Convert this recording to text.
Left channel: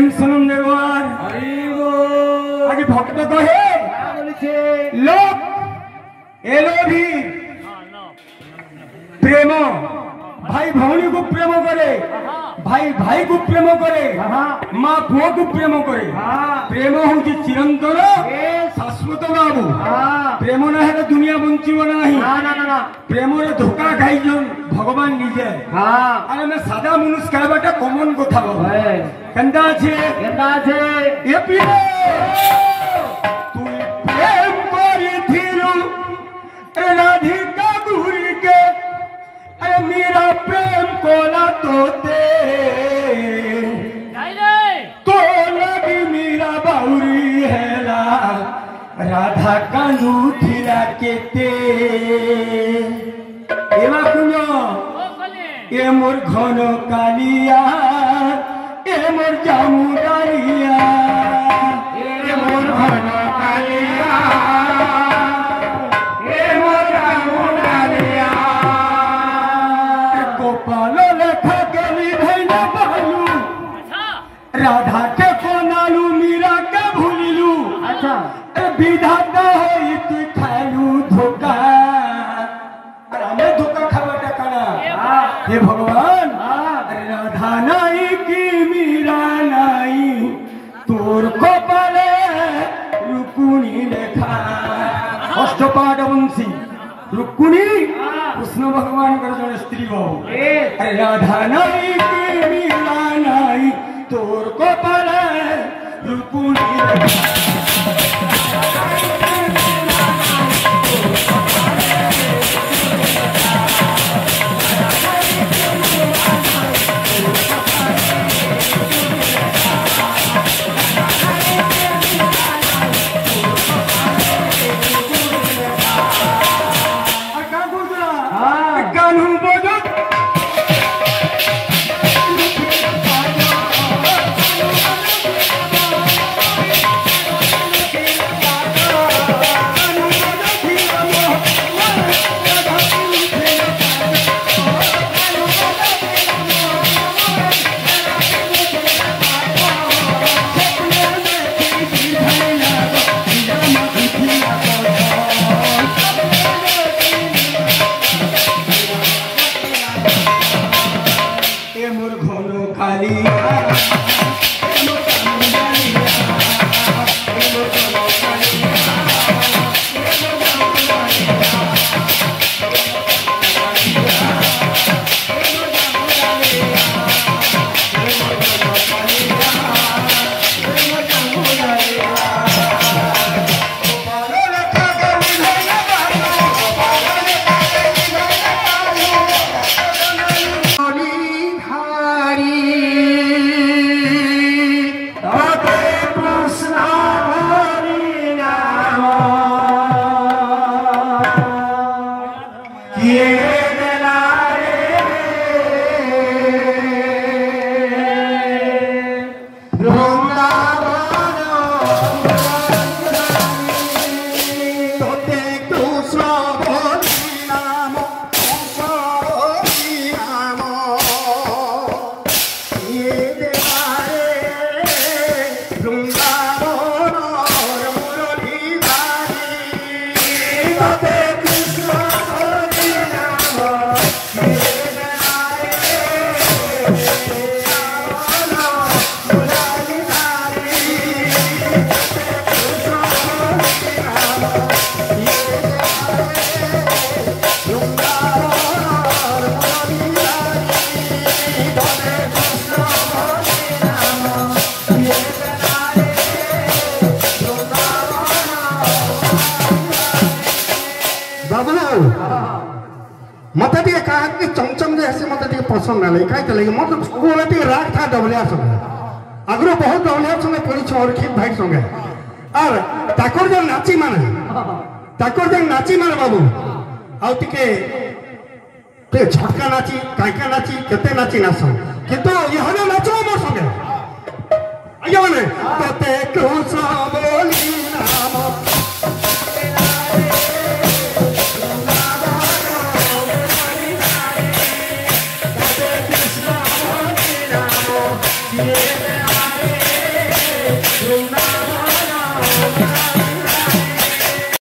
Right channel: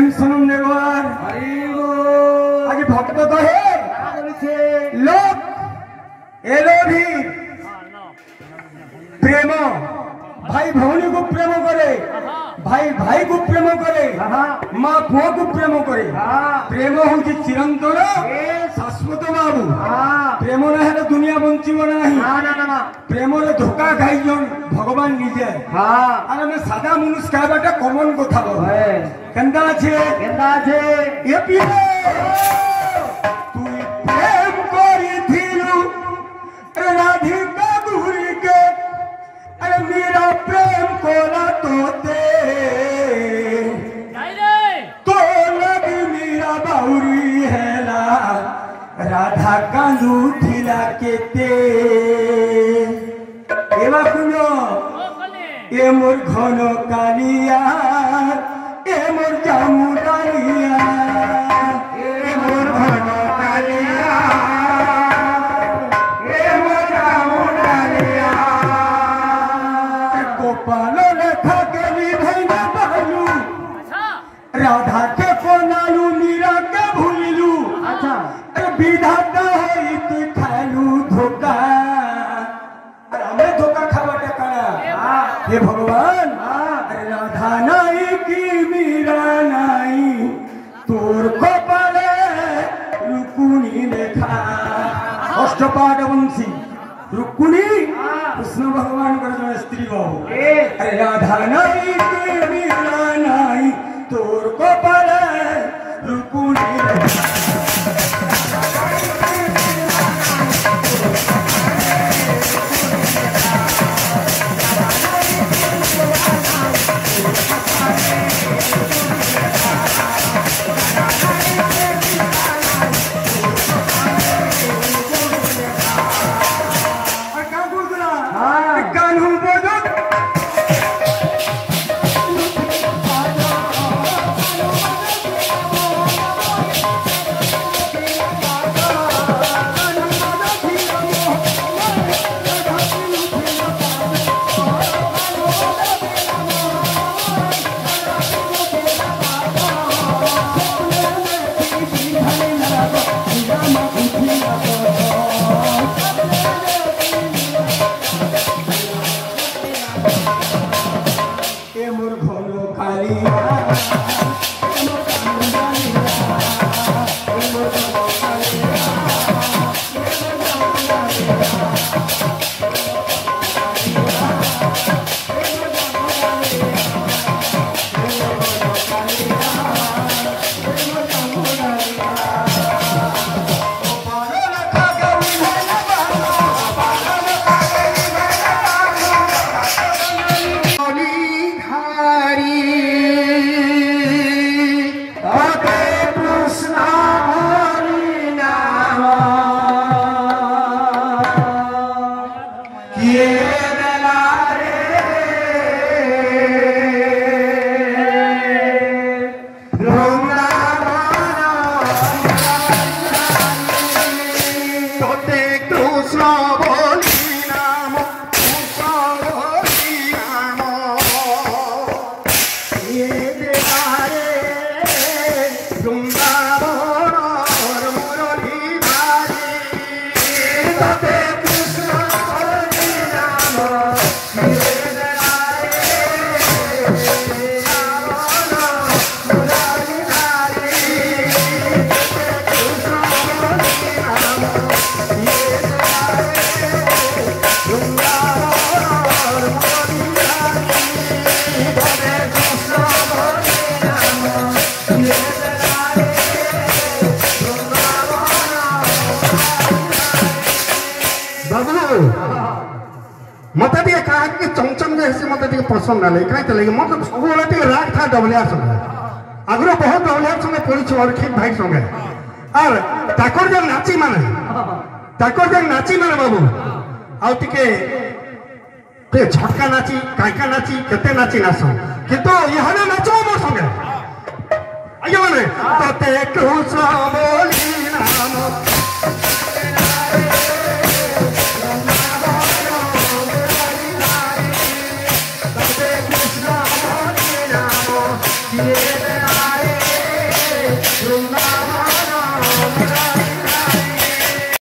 प्रेम सनंदवार आगे भक्त कहे लोक एलो भी प्रेम भाई भौणी को प्रेम करे भाई भाई को प्रेम करे माँ पुओ को प्रेम करे प्रेम हूँ चिरंतर शाश्वत बाबू प्रेम ना है दुनिया बंचीब ना प्रेम धोखा खाई भगवान निजे अरे मैं सादा मनुष्य कहबाटा कमन कथा केंदा छे ए पियो तुई प्रेम करिथिलु राधिका गुरी के अरे मेरा प्रेम कोला तोते तो लगी मेरा बाउरी हैला राधा कांदू थिला केते एवा कुनो ए मोर घन कालिया ए मोर जामुदारिया ए मोर घन कालिया ए मोर जामुदारिया गोपाल लेखा के विधैना बहलू राधा के कोनालू मीरा के भूलिलू विधाता होई तू खालू धोखा हमें धोखा खावटा कना हे भगवान राधा नाई की मीरा नाई तोर कपाले रुकुनी लेखा अष्टपाद वंशी रुकुनी कृष्ण भगवान कर जन स्त्री बहु राधा नाई की मीरा नाई तोर कपाले रुकुनी लेखा मत कहा कि चमचम जैसे मत पसंद ना कहीं मतलब सब राग था डबलियार संगे आगुरी बहुत डबलियार संगे कर अर्खित भाई संगे और ताकर जो नाची माने बाबू आउे झटका नाची काइका नाची केते नाची नाच किंतु यहाँ नाचो मोर संगे आगे मैंने